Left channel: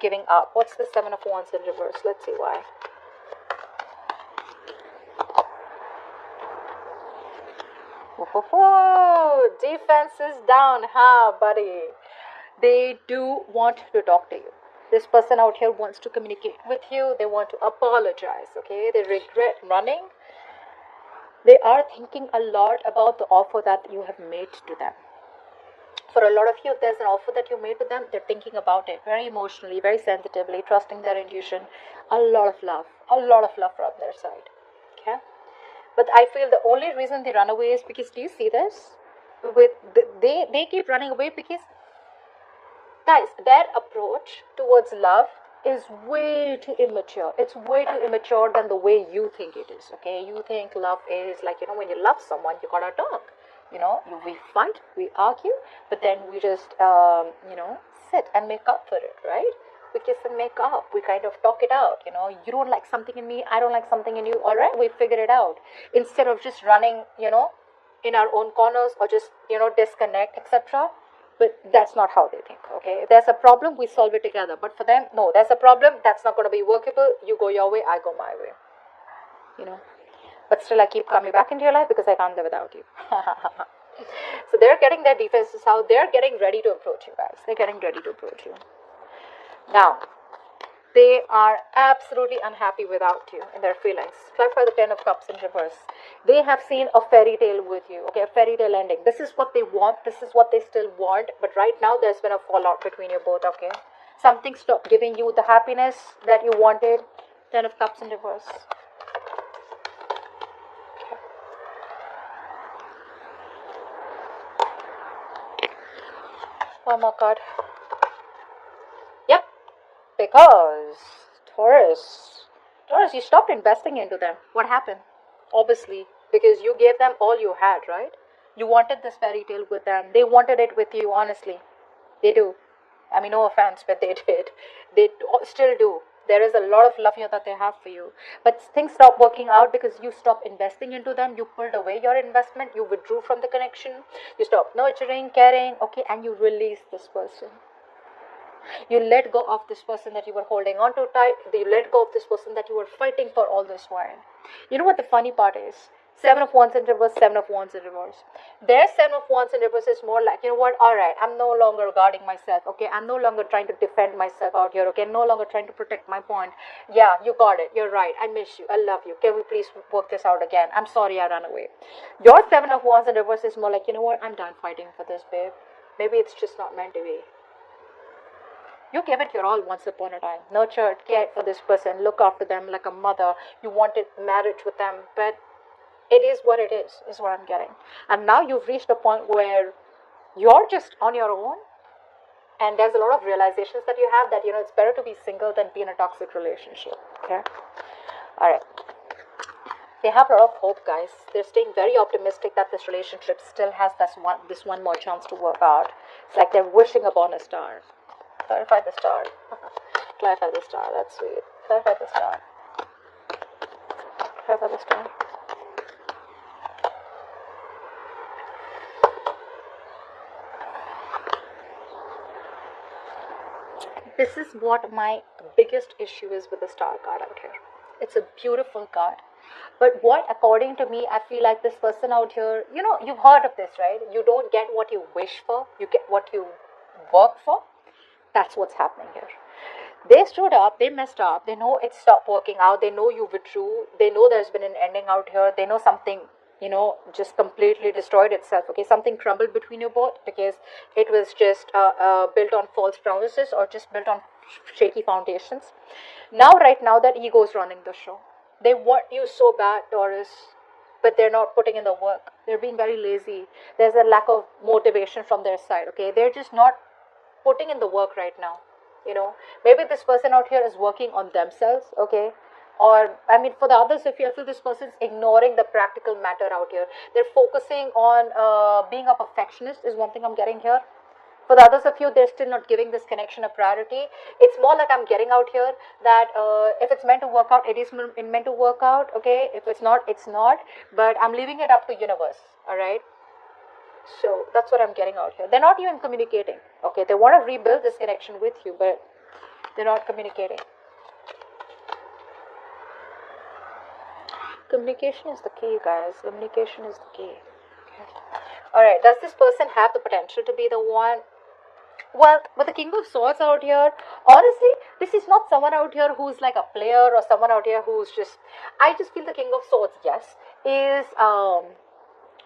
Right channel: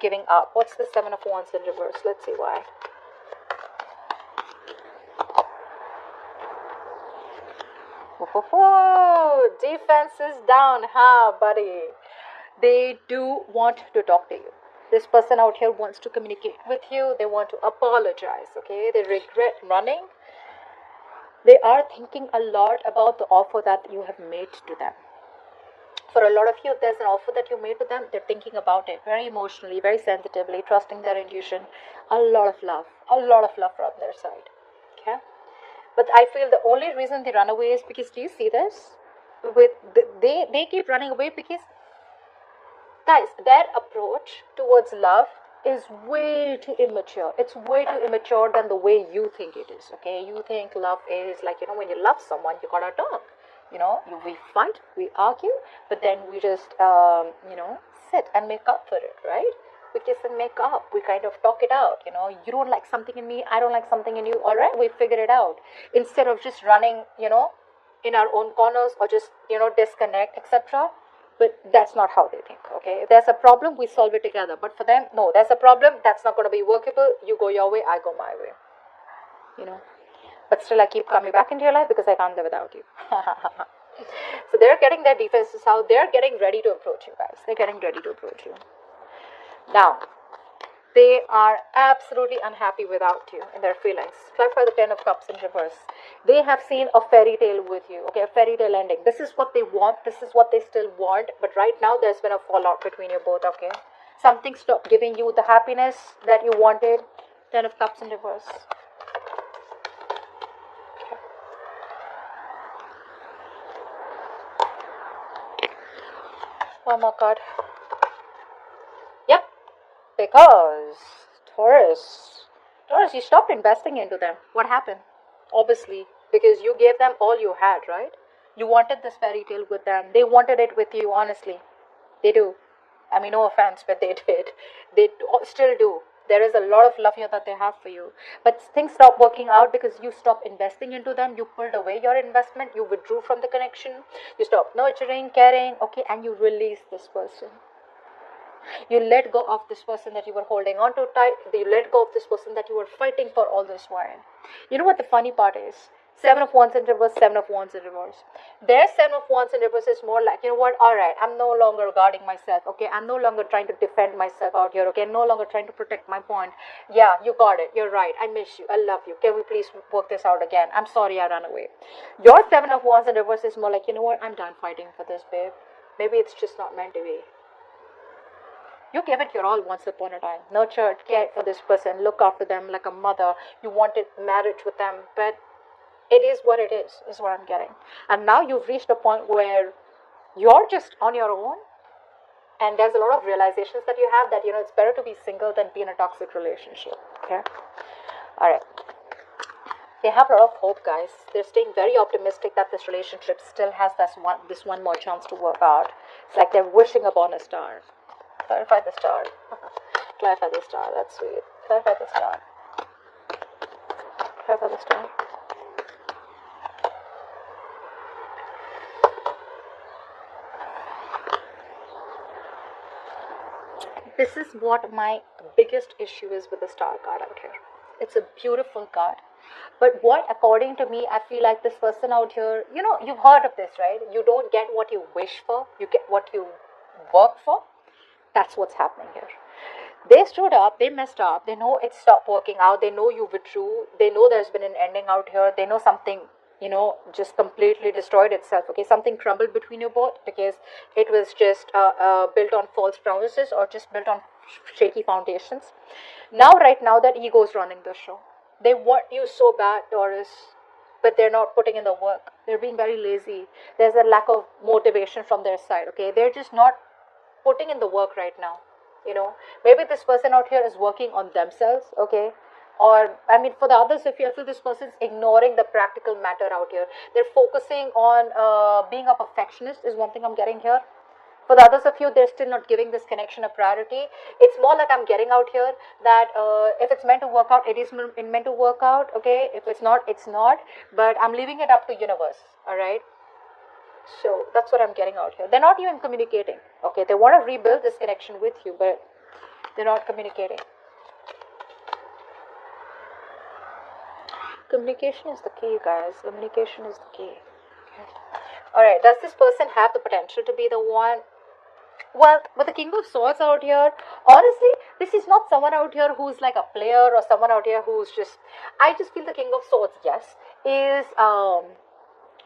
giving up. What's the Seven of Wands in reverse? Let's see why. Oh, defense is down, huh, buddy? They do want to talk to you. This person out here wants to communicate with you. They want to apologize, okay? They regret running. They are thinking a lot about the offer that you have made to them. For a lot of you, if there's an offer that you made to them, they're thinking about it very emotionally, very sensitively, trusting their intuition. A lot of love from their side. Okay? But I feel the only reason they run away is because, do you see this? They keep running away because, guys, their approach towards love is way too immature. It's way too immature than the way you think it is. Okay, you think love is like, when you love someone, you gotta talk. We fight, we argue, but then we just sit and make up for it, right? We kiss and make up. We kind of talk it out. You don't like something in me, I don't like something in you. All right, we figure it out instead of just running, in our own corners, or just disconnect, etc. But that's not how they think. Okay, if there's a problem, we solve it together. But for them, no, there's a problem, that's not going to be workable. You go your way, I go my way. But still, I keep coming back into your life because I can't live without you. So they're getting their defenses out. They're getting ready to approach you, guys. They're getting ready to approach you. Now, they are absolutely unhappy without you in their feelings. Clarify the Ten of Cups in reverse. They have seen a fairy tale with you, okay, a fairy tale ending. This is what they want. This is what they still want. But right now, there's been a fallout between you both, okay? Something stopped giving you the happiness that you wanted. Ten of Cups in reverse. Oh my god. Yep. Because Taurus, you stopped investing into them. What happened? Obviously, because you gave them all you had, right? You wanted this fairy tale with them. They wanted it with you, honestly. They do. I mean, no offense, but they did. Still do. There is a lot of love here that they have for you. But things stopped working out because you stopped investing into them. You pulled away your investment. You withdrew from the connection. You stopped nurturing, caring, okay, and you released this person. You let go of this person that you were holding on to tight. They let go of this person that you were fighting for all this while. You know what the funny part is? Seven of Wands in reverse, Seven of Wands in reverse. Their Seven of Wands in reverse is more like, alright, I'm no longer guarding myself, okay? I'm no longer trying to defend myself out here, okay? I'm no longer trying to protect my point. Yeah, you got it. You're right. I miss you. I love you. Can we please work this out again? I'm sorry I ran away. Your Seven of Wands in reverse is more like, I'm done fighting for this, babe. Maybe it's just not meant to be. You gave it your all once upon a time. Nurtured, cared for this person, look after them like a mother. You wanted marriage with them, but it is what it is what I'm getting. And now you've reached a point where you're just on your own, and there's a lot of realizations that you have that, it's better to be single than be in a toxic relationship. Okay? Alright. They have a lot of hope, guys. They're staying very optimistic that this relationship still has this one more chance to work out. It's like they're wishing upon a star. Clarify the star. Clarify the star. That's sweet. Clarify the star. Clarify the star. This is what my biggest issue is with the star card out here. It's a beautiful card. But what, according to me, I feel like this person out here, you've heard of this, right? You don't get what you wish for, you get what you work for. That's what's happening here. They stood up, they messed up, they know it stopped working out, they know you withdrew, they know there's been an ending out here, they know something, just completely destroyed itself, okay? Something crumbled between you both because it was just built on false promises or just built on shaky foundations. Right now, that ego is running the show. They want you so bad, Taurus, but they're not putting in the work. They're being very lazy. There's a lack of motivation from their side, okay? They're just not putting in the work right now. Maybe this person out here is working on themselves, okay? Or, for the others, if you feel this person is ignoring the practical matter out here, they're focusing on being a perfectionist is one thing I'm getting here. For the others of you, they're still not giving this connection a priority. It's more like I'm getting out here that if it's meant to work out, it is meant to work out, okay? If it's not, it's not. But I'm leaving it up to universe, all right? So that's what I'm getting out here. They're not even communicating. Okay, they want to rebuild this connection with you, but They're not communicating. Communication is the key, guys. Communication is the key. Okay. Alright, does this person have the potential to be the one? Well, with the King of Swords out here, honestly, this is not someone out here who's like a player or someone out here who's just. I just feel the King of Swords, yes, is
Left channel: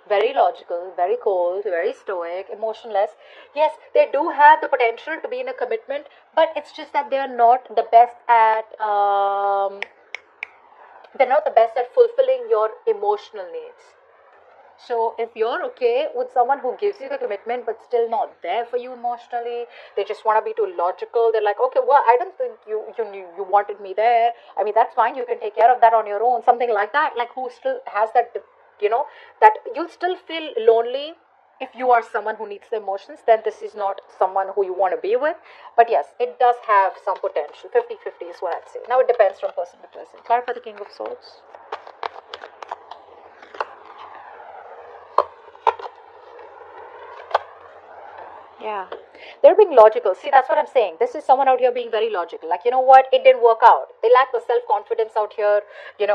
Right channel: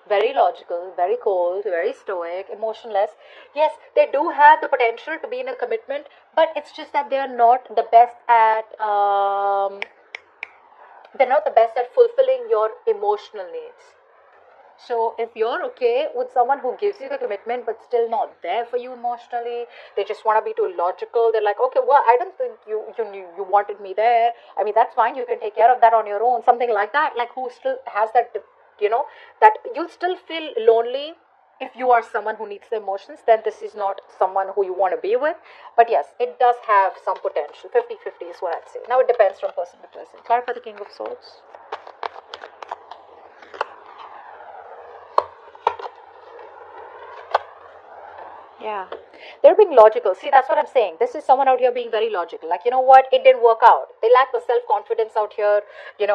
very logical, very cold, very stoic, emotionless. Yes, they do have the potential to be in a commitment, but it's just that they're not the best at. They're not the best at fulfilling your emotional needs. So if you're okay with someone who gives you the commitment but still not there for you emotionally, they just want to be too logical. They're like, okay, well, I don't think you knew you wanted me there. I mean, that's fine. You can take care of that on your own. Something like that. Like who still has that, that you'll still feel lonely if you are someone who needs the emotions. Then this is not someone who you want to be with. But yes, it does have some potential. 50-50 is what I'd say. Now it depends from person to person. Clarify the King of Swords. Yeah. They're being logical. See, that's what I'm saying. This is someone out here being very logical. Like, you know what? It didn't work out. They lack the self confidence out here. They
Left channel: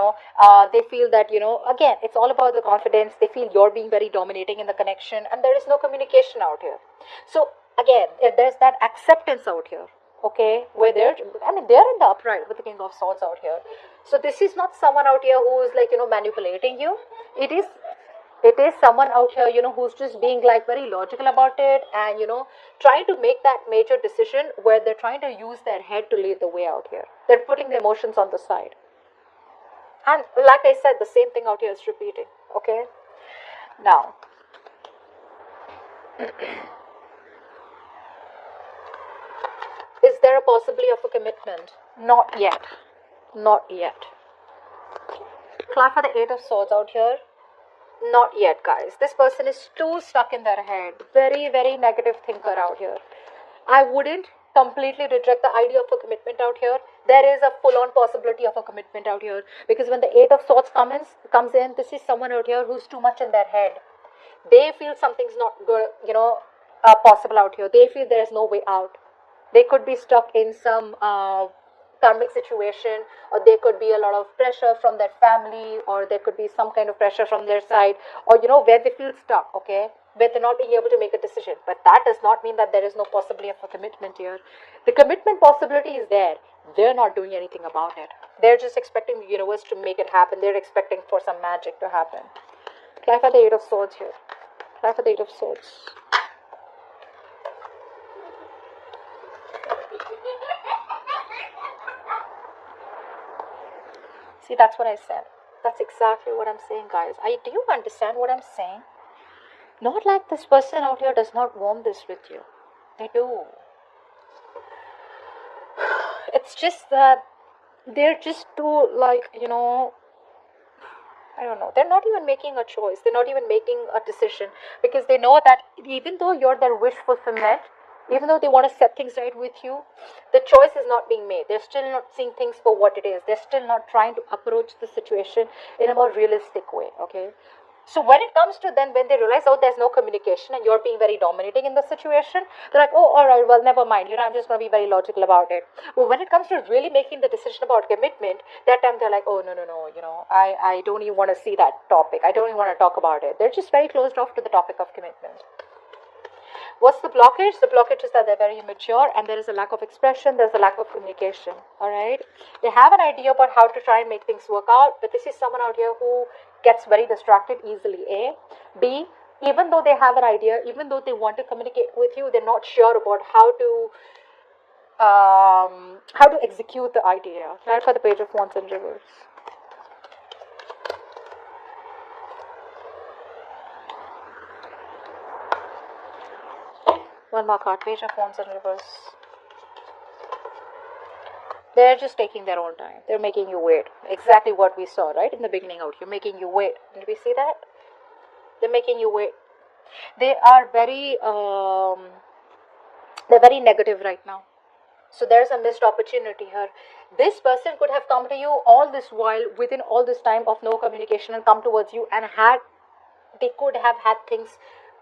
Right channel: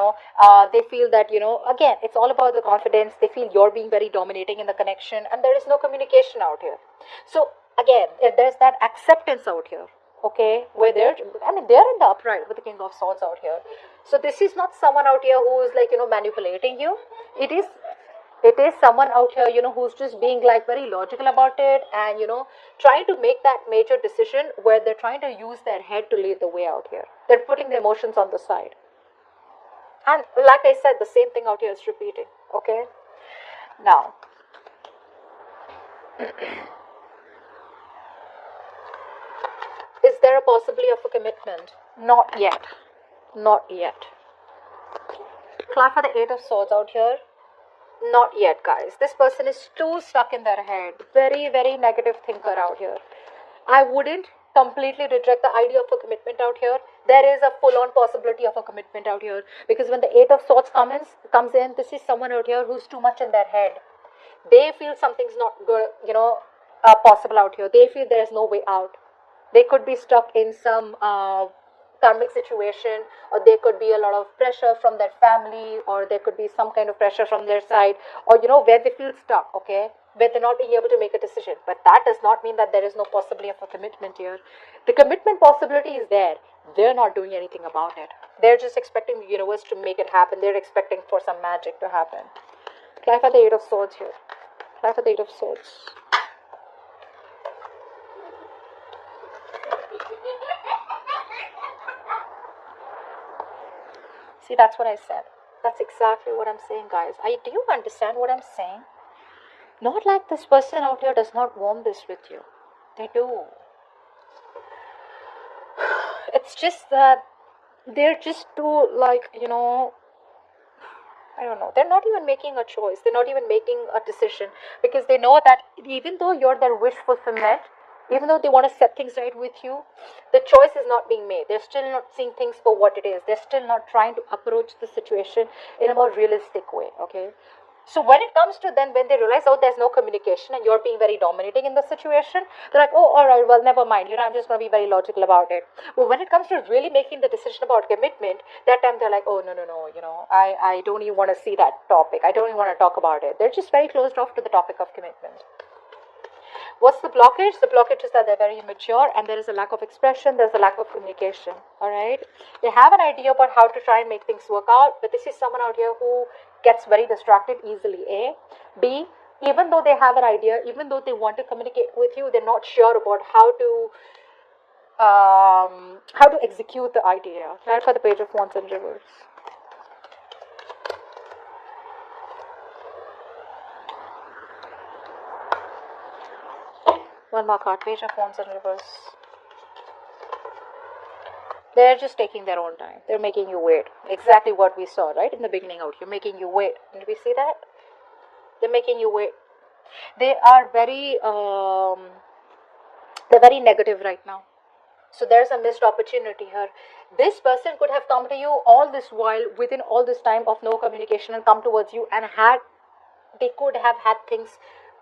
feel that, again, it's all about the confidence. They feel you're being very dominating in the connection, and there is no communication out here. So, again, there's that acceptance out here. Okay, where they're in the upright with the King of Swords out here. So this is not someone out here who's like, manipulating you. It is it is someone out here, who's just being like very logical about it, and trying to make that major decision where they're trying to use their head to lead the way out here. They're putting the emotions on the side. And like I said, the same thing out here is repeating. Okay. Now, is there a possibility of a commitment? Not yet. Not yet. Clap for the Eight of Swords out here. Not yet, guys. This person is too stuck in their head. Very, very negative thinker out here. I wouldn't completely reject the idea of a commitment out here. There is a full-on possibility of a commitment out here, because when the Eight of Swords comes in, this is someone out here who's too much in their head. They feel something's not good, possible out here. They feel there's no way out. They could be stuck in some pandemic situation, or there could be a lot of pressure from their family, or there could be some kind of pressure from their side, or where they feel stuck, okay, where they're not being able to make a decision. But that does not mean that there is no possibility of a commitment here. The commitment possibility is there. They're not doing anything about it. They're just expecting the universe to make it happen. They're expecting for some magic to happen. Clap for the Eight of Swords here. Clap for the Eight of Swords. See, that's what I said. That's exactly what I'm saying, guys. Do you understand what I'm saying? Not like this person out here does not want this with you. They do. It's just that they're just too, like, I don't know. They're not even making a choice. They're not even making a decision, because they know that even though you're their wish fulfillment, even though they want to set things right with you, the choice is not being made. They're still not seeing things for what it is. They're still not trying to approach the situation in a more realistic way, okay? So when it comes to then, when they realize, oh, there's no communication and you're being very dominating in the situation, they're like, oh, all right, well, never mind. I'm just going to be very logical about it. But when it comes to really making the decision about commitment, that time they're like, oh, no, I don't even want to see that topic. I don't even want to talk about it. They're just very closed off to the topic of commitment. What's the blockage? The blockage is that they're very immature, and there is a lack of expression, there's a lack of communication. Alright? They have an idea about how to try and make things work out, but this is someone out here who gets very distracted easily. A. B. Even though they have an idea, even though they want to communicate with you, they're not sure about how to execute the idea. Right, for the Page of Wands in reverse. One more card, Page of Wands in reverse. They're just taking their own time. They're making you wait. Exactly what we saw, right? In the beginning out here, making you wait. Did we see that? They're making you wait. They are they're very negative right now. So there's a missed opportunity here. This person could have come to you all this while, within all this time of no communication, and come towards you, and they could have had things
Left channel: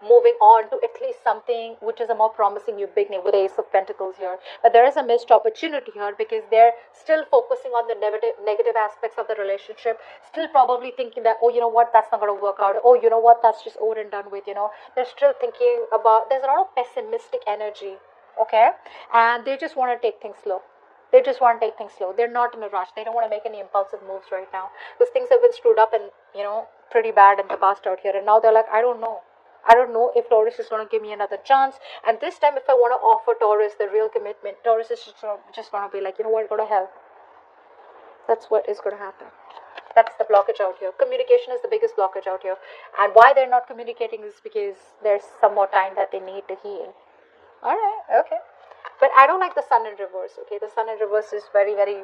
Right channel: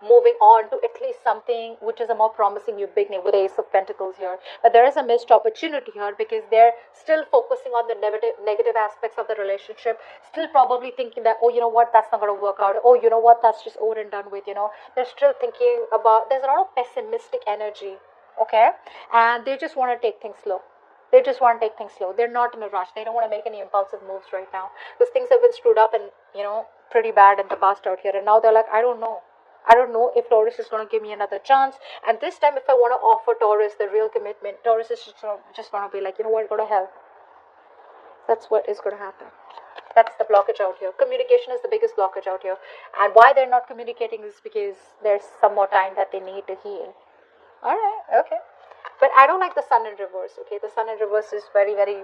moving on to at least something which is a more promising new beginning with the Ace of Pentacles here. But there is a missed opportunity here because they're still focusing on the negative aspects of the relationship, still probably thinking that, oh, you know what, that's not going to work out. Oh, you know what, that's just over and done with, you know. They're still thinking about, there's a lot of pessimistic energy, okay? And they just want to take things slow. They just want to take things slow. They're not in a rush. They don't want to make any impulsive moves right now because things have been screwed up and, you know, pretty bad in the past out here. And now they're like, I don't know. I don't know if Taurus is going to give me another chance. And this time, if I want to offer Taurus the real commitment, Taurus is just going to be like, you know what, go to hell. That's what is going to happen. That's the blockage out here. Communication is the biggest blockage out here. And why they're not communicating is because there's some more time that they need to heal. Alright, okay. But I don't like the sun in reverse, okay? The sun in reverse is very, very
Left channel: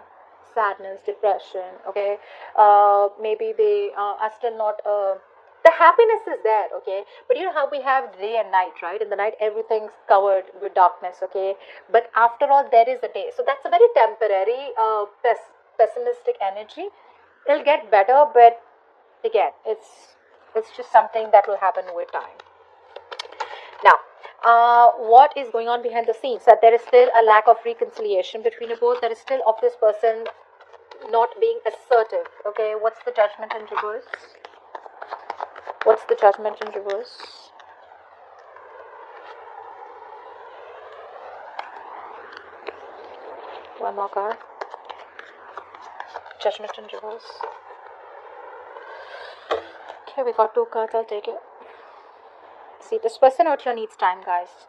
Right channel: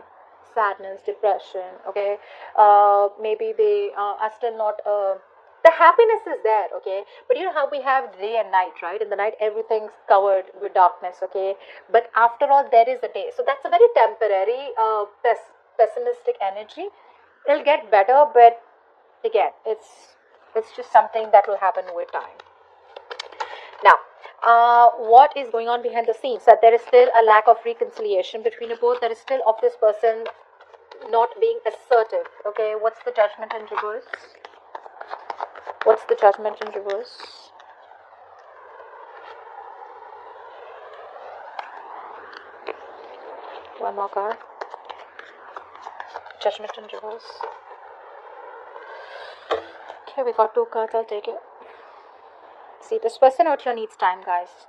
sadness, depression, okay? Maybe they are still not... the happiness is there, okay? But you know how we have day and night, right? In the night, everything's covered with darkness, okay? But after all, there is a day. So that's a very temporary, pessimistic energy. It'll get better, but again, it's just something that will happen with time. Now, what is going on behind the scenes? That there is still a lack of reconciliation between you both. There is still of this person not being assertive. Okay, what's the Judgment in reverse? What's the Judgment in reverse? One more card. Judgment in reverse. Okay, we got 2 cards. I'll take it. See, this person out here needs time, guys.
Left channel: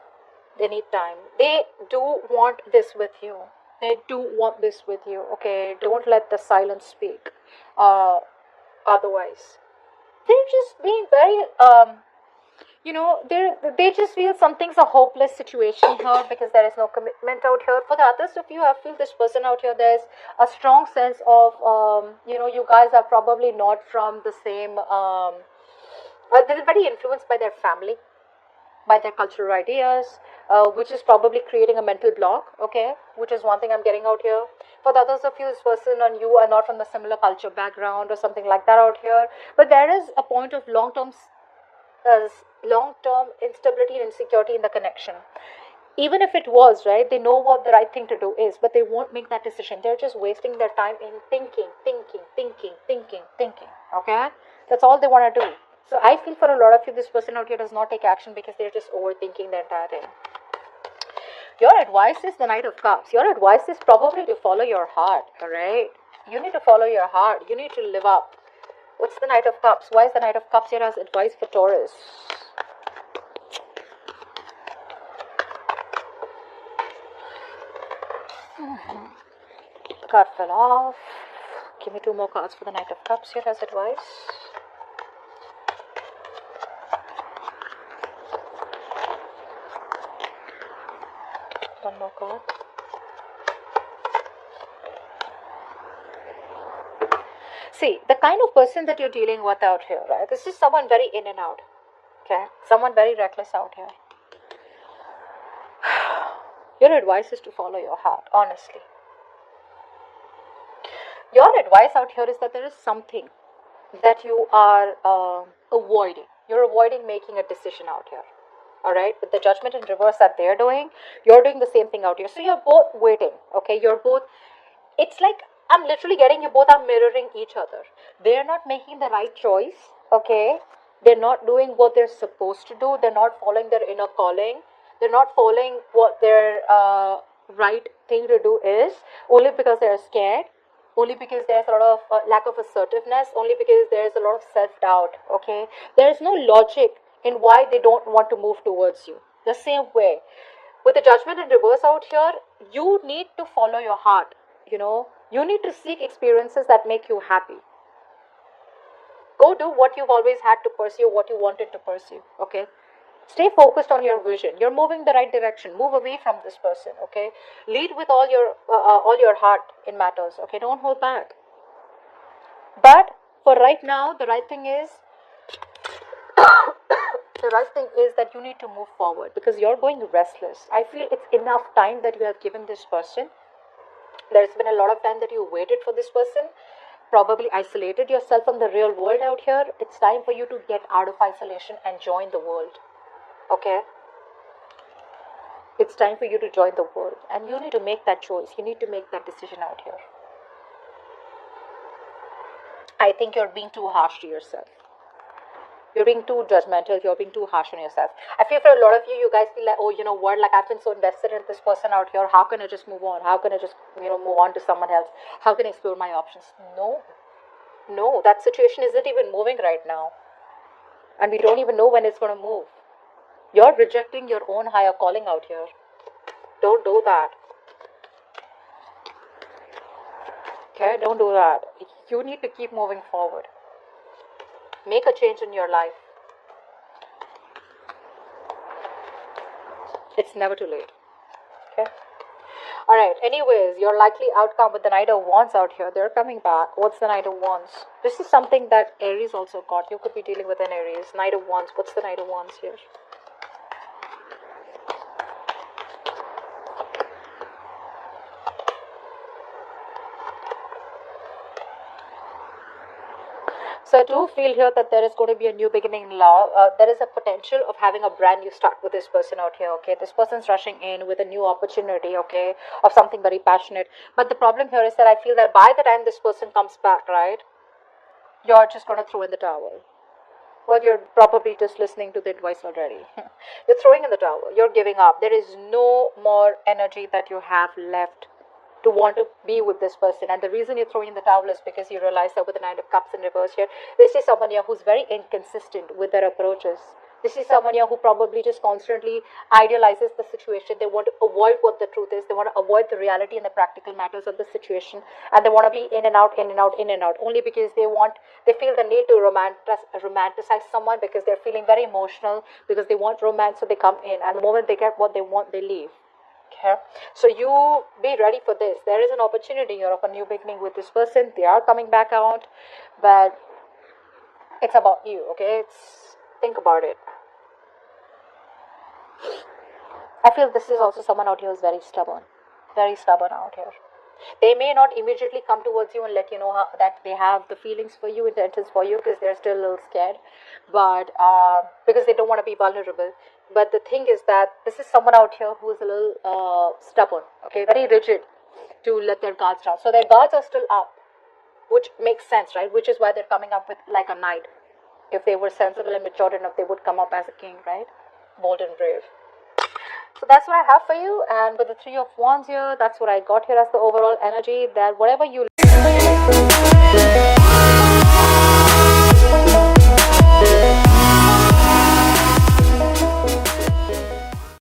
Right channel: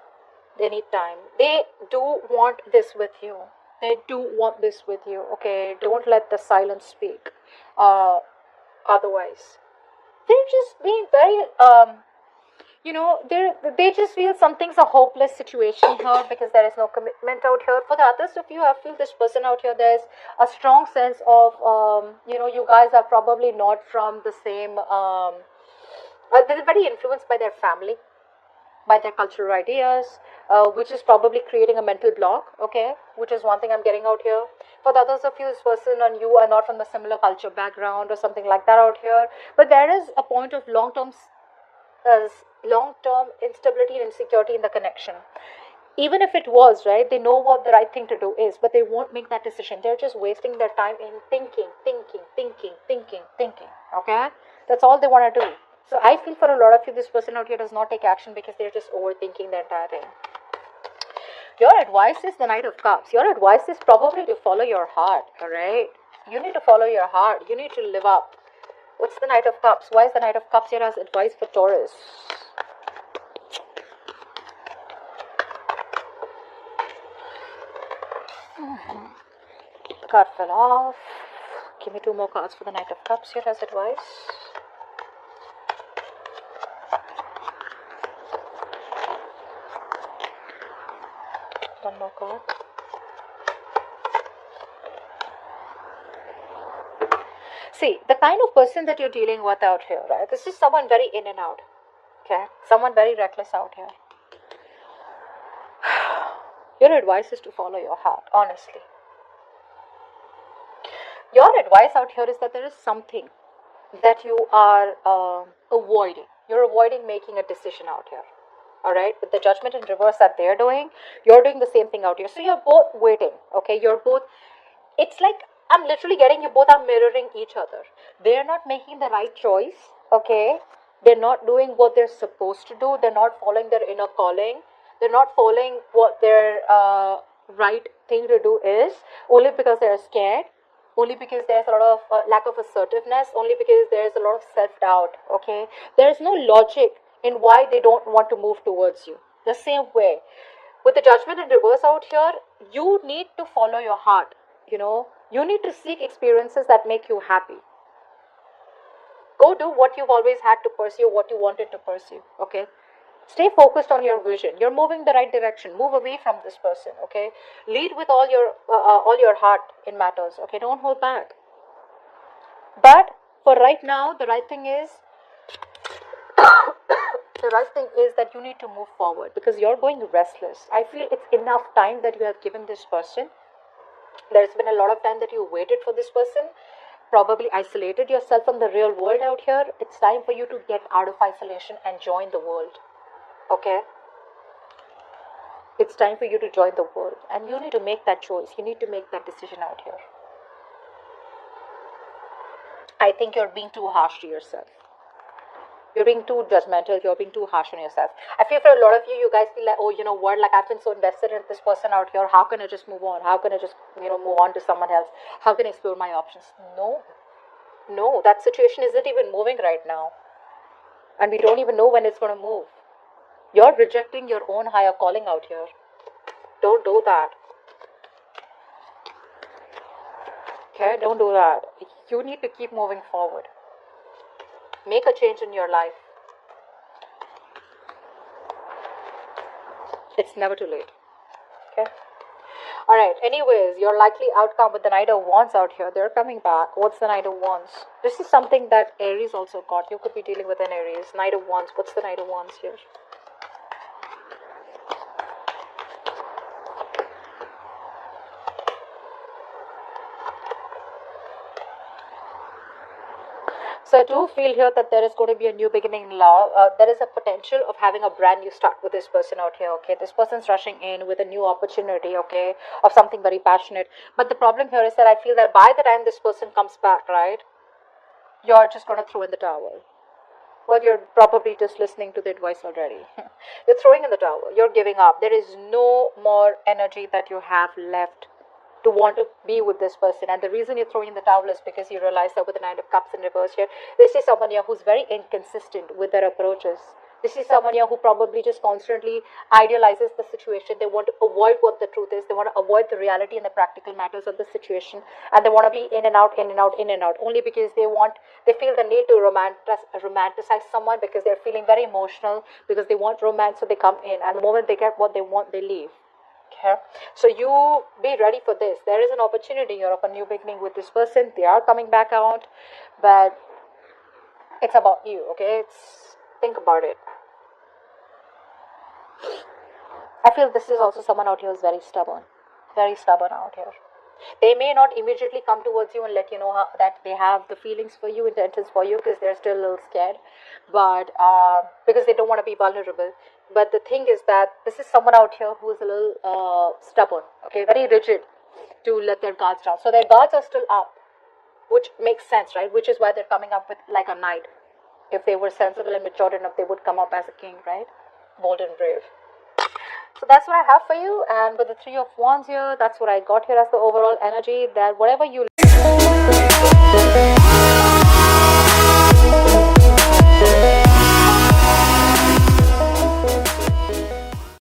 They need time. They do want this with you. They do want this with you. Okay, don't let the silence speak. Otherwise, they're just being very you know, they just feel something's a hopeless situation here because there is no commitment out here. For the others of you, I feel this person out here, there's a strong sense of you know, you guys are probably not from the same they're very influenced by their family, by their cultural ideas, which is probably creating a mental block, okay, which is one thing I'm getting out here. For the others of you, this person and you are not from a similar culture background or something like that out here, but there is a point of long-term instability and insecurity in the connection. Even if it was, right, they know what the right thing to do is, but they won't make that decision. They're just wasting their time in thinking, okay? That's all they want to do. So I feel for a lot of you, this person out here does not take action because they're just overthinking the entire thing. Your advice is the Knight of Cups. Your advice is probably to follow your heart, alright? You need to follow your heart. You need to live up. What's the Knight of Cups? Why is the Knight of Cups here as advice for Taurus? Card fell off. Give me 2 more cards for the Knight of Cups here as advice. One more card. See, the kind of person that you're dealing with out here, right? This is someone very in and out. Okay? Someone very reckless out here. Your advice is to follow your heart, honestly. Your advice out here is that there is something that you are avoiding. You're avoiding making a decision out here. Alright? With the Judgment in reverse that they're doing, you're doing the same thing out here. So you're both waiting. Okay? You're both... It's like, I'm literally getting you both are mirroring each other. They're not making the right choice. Okay? They're not doing what they're supposed to do. They're not following their inner calling. They're not following what their right thing to do is. Only because they're scared. Only because there's a lot of lack of assertiveness, only because there's a lot of self-doubt, okay? There's no logic in why they don't want to move towards you. The same way. With the Judgment in reverse out here, you need to follow your heart, you know? You need to seek experiences that make you happy. Go do what you've always had to pursue, what you wanted to pursue, okay? Stay focused on your vision. You're moving the right direction. Move away from this person, okay? Lead with all your heart in matters, okay? Don't hold back. But for right now, the right thing is that you need to move forward because you're going restless. I feel it's enough time that you have given this person. There's been a lot of time that you waited for this person. Probably isolated yourself from the real world out here. It's time for you to get out of isolation and join the world. Okay? It's time for you to join the world. And you need to make that choice. You need to make that decision out here. I think you're being too harsh to yourself. You're being too judgmental. You're being too harsh on yourself. I feel for a lot of you, you guys feel like, oh, you know what? Like I've been so invested in this person out here. How can I just move on? How can I just, move on to someone else? How can I explore my options? No, no. That situation isn't even moving right now, and we don't even know when it's gonna move. You're rejecting your own higher calling out here. Don't do that. Okay? Don't do that. You need to keep moving forward. Make a change in your life. It's never too late. Okay? Alright, anyways, your likely outcome with the Knight of Wands out here, they're coming back. What's the Knight of Wands? This is something that Aries also got. You could be dealing with an Aries. Knight of Wands. What's the Knight of Wands here? So I do feel here that there is going to be a new beginning in love. There is a potential of having a brand new start with this person out here. Okay, this person's rushing in with a new opportunity. Okay, of something very passionate. But the problem here is that I feel that by the time this person comes back, right, you're just going to throw in the towel. Well, you're probably just listening to the advice already. You're throwing in the towel. You're giving up. There is no more energy that you have left to want to be with this person. And the reason you're throwing in the towel is because you realize that with the Nine of Cups in reverse here, this is someone here who's very inconsistent with their approaches. This is someone here who probably just constantly idealizes the situation. They want to avoid what the truth is. They want to avoid the reality and the practical matters of the situation. And they want to be in and out, in and out, in and out. Only because they feel the need to romanticize someone because they're feeling very emotional, because they want romance, so they come in. And the moment they get what they want, they leave. Okay. So you be ready for this. There is an opportunity here of a new beginning with this person. They are coming back out, but it's about you. Okay. Think about it. I feel this is also someone out here who's very stubborn out here. They may not immediately come towards you and let you know that they have the feelings for you, intentions for you, because they're still a little scared, but because they don't want to be vulnerable. But the thing is that this is someone out here who is a little stubborn, okay, very rigid to let their guards down. So their guards are still up, which makes sense, right? Which is why they're coming up with like a knight. If they were sensible and mature enough, they would come up as a king, right? Bold and brave. So that's what I have for you. And with the Three of Wands here, that's what I got here as the overall energy. That whatever you